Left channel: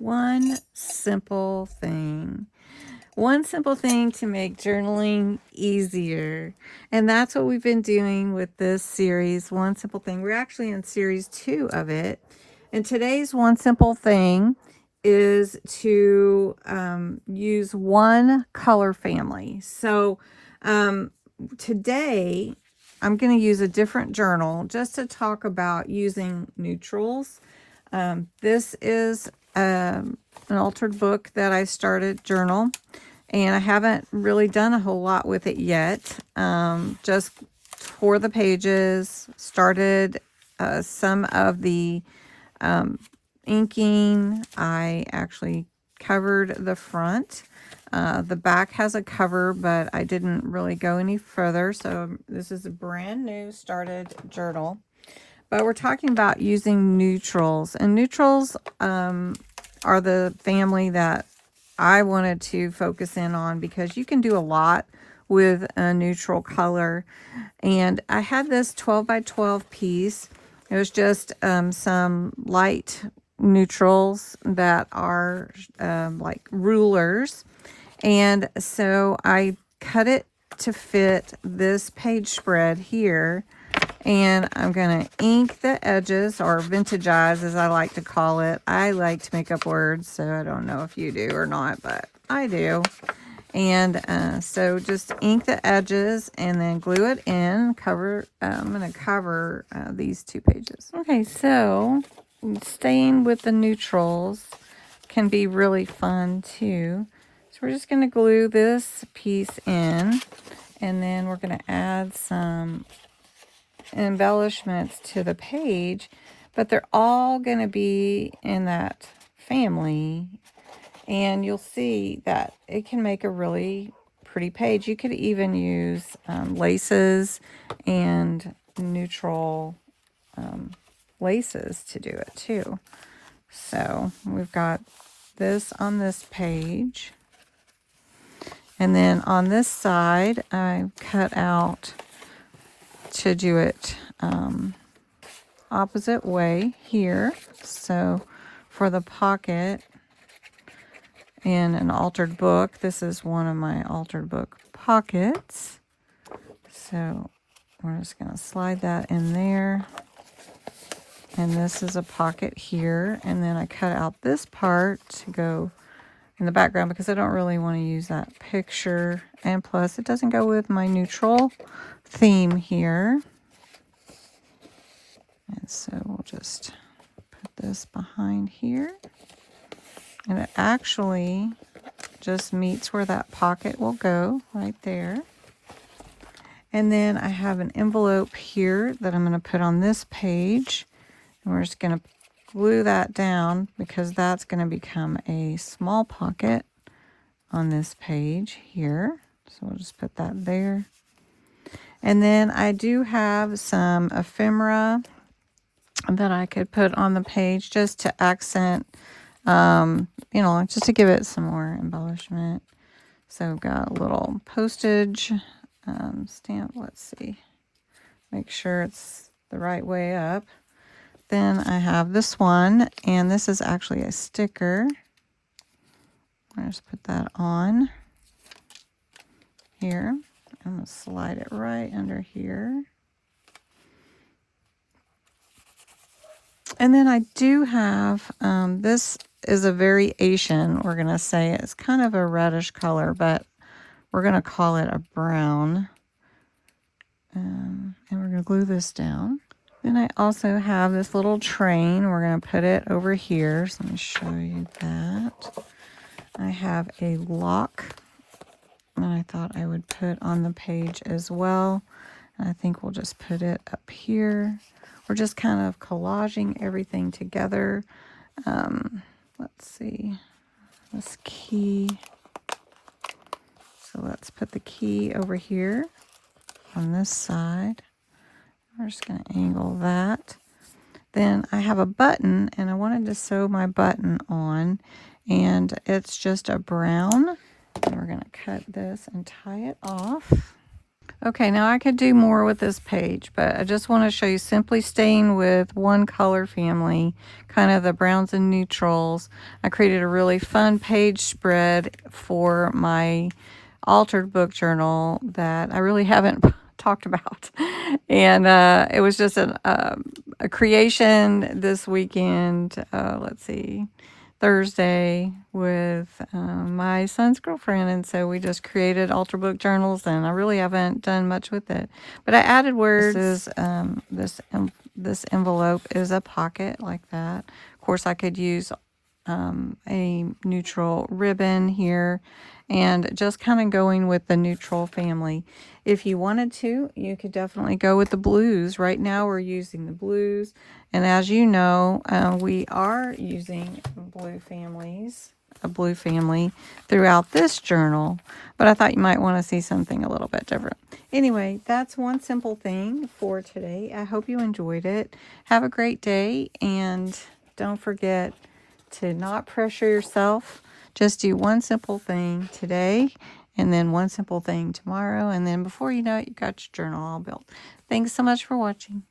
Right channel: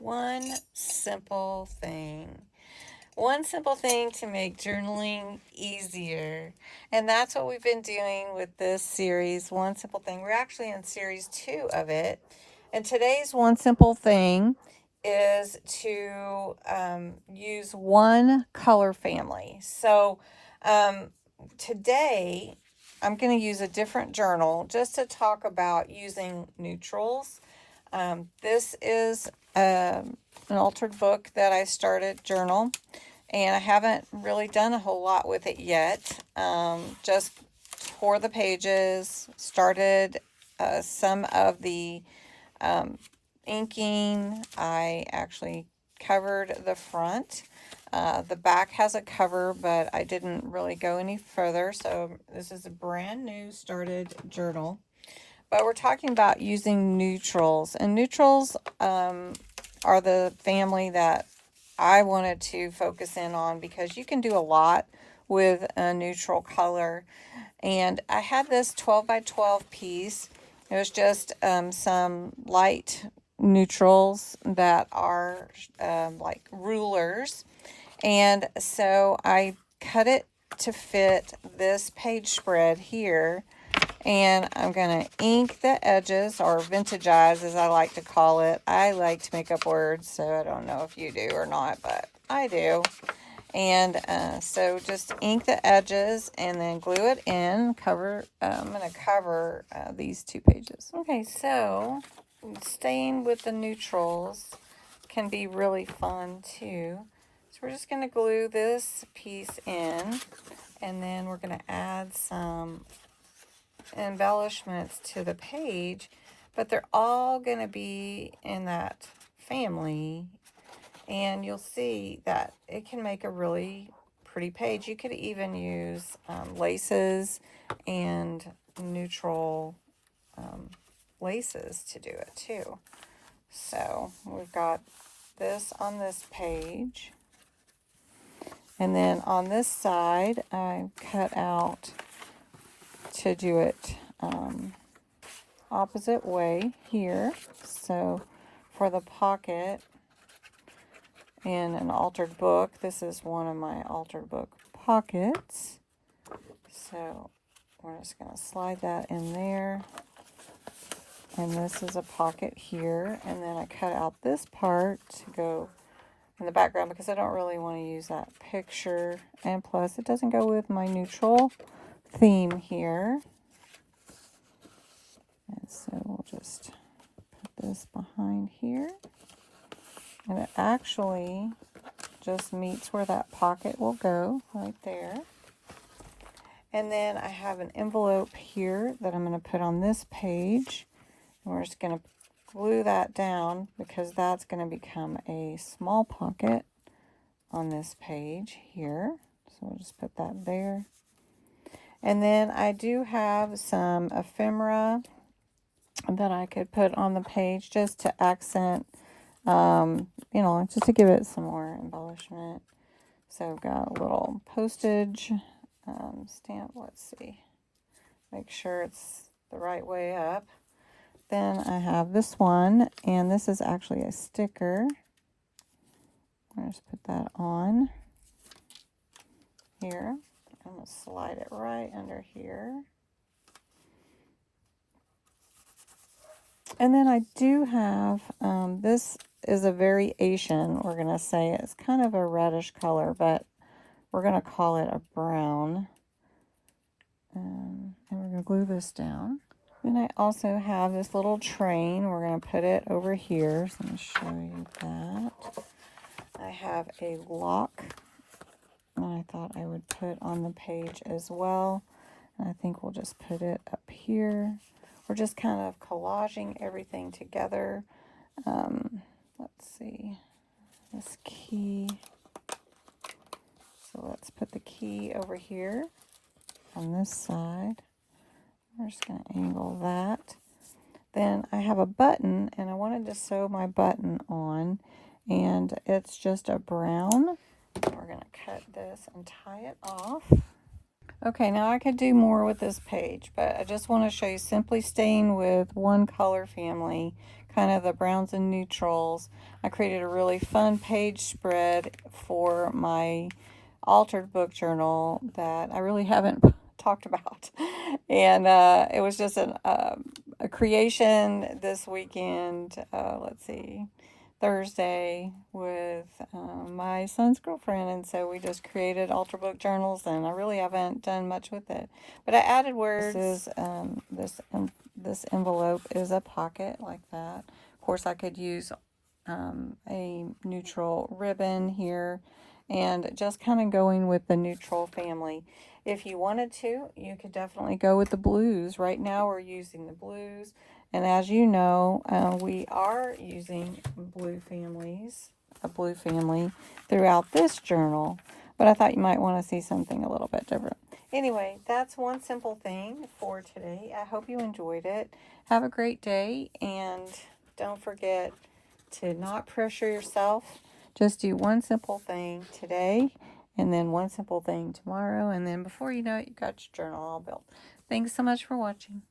One simple thing. One simple thing to make journaling easier. And that's what we've been doing with this series, One Simple Thing. We're actually in series 2 of it. And today's one simple thing is to use one color family. So today I'm going to use a different journal just to talk about using neutrals. This is an altered book that I started journal, and I haven't really done a whole lot with it yet. Just tore the pages, started some of the inking. I actually covered the front. The back has a cover, but I didn't really go any further. So this is a brand new started journal. But we're talking about using neutrals. And neutrals are the family that I wanted to focus in on because you can do a lot with a neutral color. And I had this 12 by 12 piece. It was just some light neutrals that are like rulers. And so I cut it to fit this page spread here. And I'm going to ink the edges, or vintagize as I like to call it. I like to make up words, so I don't know if you do or not, but I do. And so just ink the edges and then glue it in. I'm going to cover these 2 pages. Okay, so staying with the neutrals can be really fun too. So we're just going to glue this piece in, and then we're going to add some embellishments to the page, but they're all going to be in that family, and you'll see that it can make a really pretty page. You could even use laces and neutral laces to do it too. So we've got this on this page, and then on this side I cut out to do it opposite way here. So for the pocket in an altered book, this is one of my altered book pockets. So we're just going to slide that in there. And this is a pocket here. And then I cut out this part to go in the background because I don't really want to use that picture. And plus it doesn't go with my neutral theme here. And so we'll just put this behind here. And it actually just meets where that pocket will go right there. And then I have an envelope here that I'm going to put on this page. And we're just going to glue that down because that's going to become a small pocket on this page here. So we'll just put that there. And then I do have some ephemera that I could put on the page just to accent, just to give it some more embellishment. So I've got a little postage stamp. Let's see. Make sure it's the right way up. Then I have this one, and this is actually a sticker. I'll just put that on here. I'm going to slide it right under here. And then I do have, this is a variation, we're going to say. It's kind of a reddish color, but we're going to call it a brown. And we're going to glue this down. Then I also have this little train. We're going to put it over here. So let me show you that. I have a lock that I thought I would put on the page as well. And I think we'll just put it up here. We're just kind of collaging everything together. Let's see. This key. So let's put the key over here on this side. We're just going to angle that. Then I have a button, and I wanted to sew my button on, and it's just a brown. And we're going to cut this and tie it off. Okay, now I could do more with this page, but I just want to show you simply staying with one color family, kind of the browns and neutrals. I created a really fun page spread for my altered book journal that I really haven't talked about. And it was just a creation this weekend. Let's see. Thursday with my son's girlfriend, and so we just created altar book journals, and I really haven't done much with it, but I added words. This envelope is a pocket like that. Of course, I could use a neutral ribbon here, and just kind of going with the neutral family. If you wanted to, you could definitely go with the blues. Right now we're using the blues, and as you know, we are using a blue family throughout this journal, but I thought you might want to see something a little bit different. Anyway, that's one simple thing for today. I hope you enjoyed it. Have a great day, and don't forget to not pressure yourself. Just do one simple thing today, and then one simple thing tomorrow, and then before you know it, you've got your journal all built. Thanks so much for watching.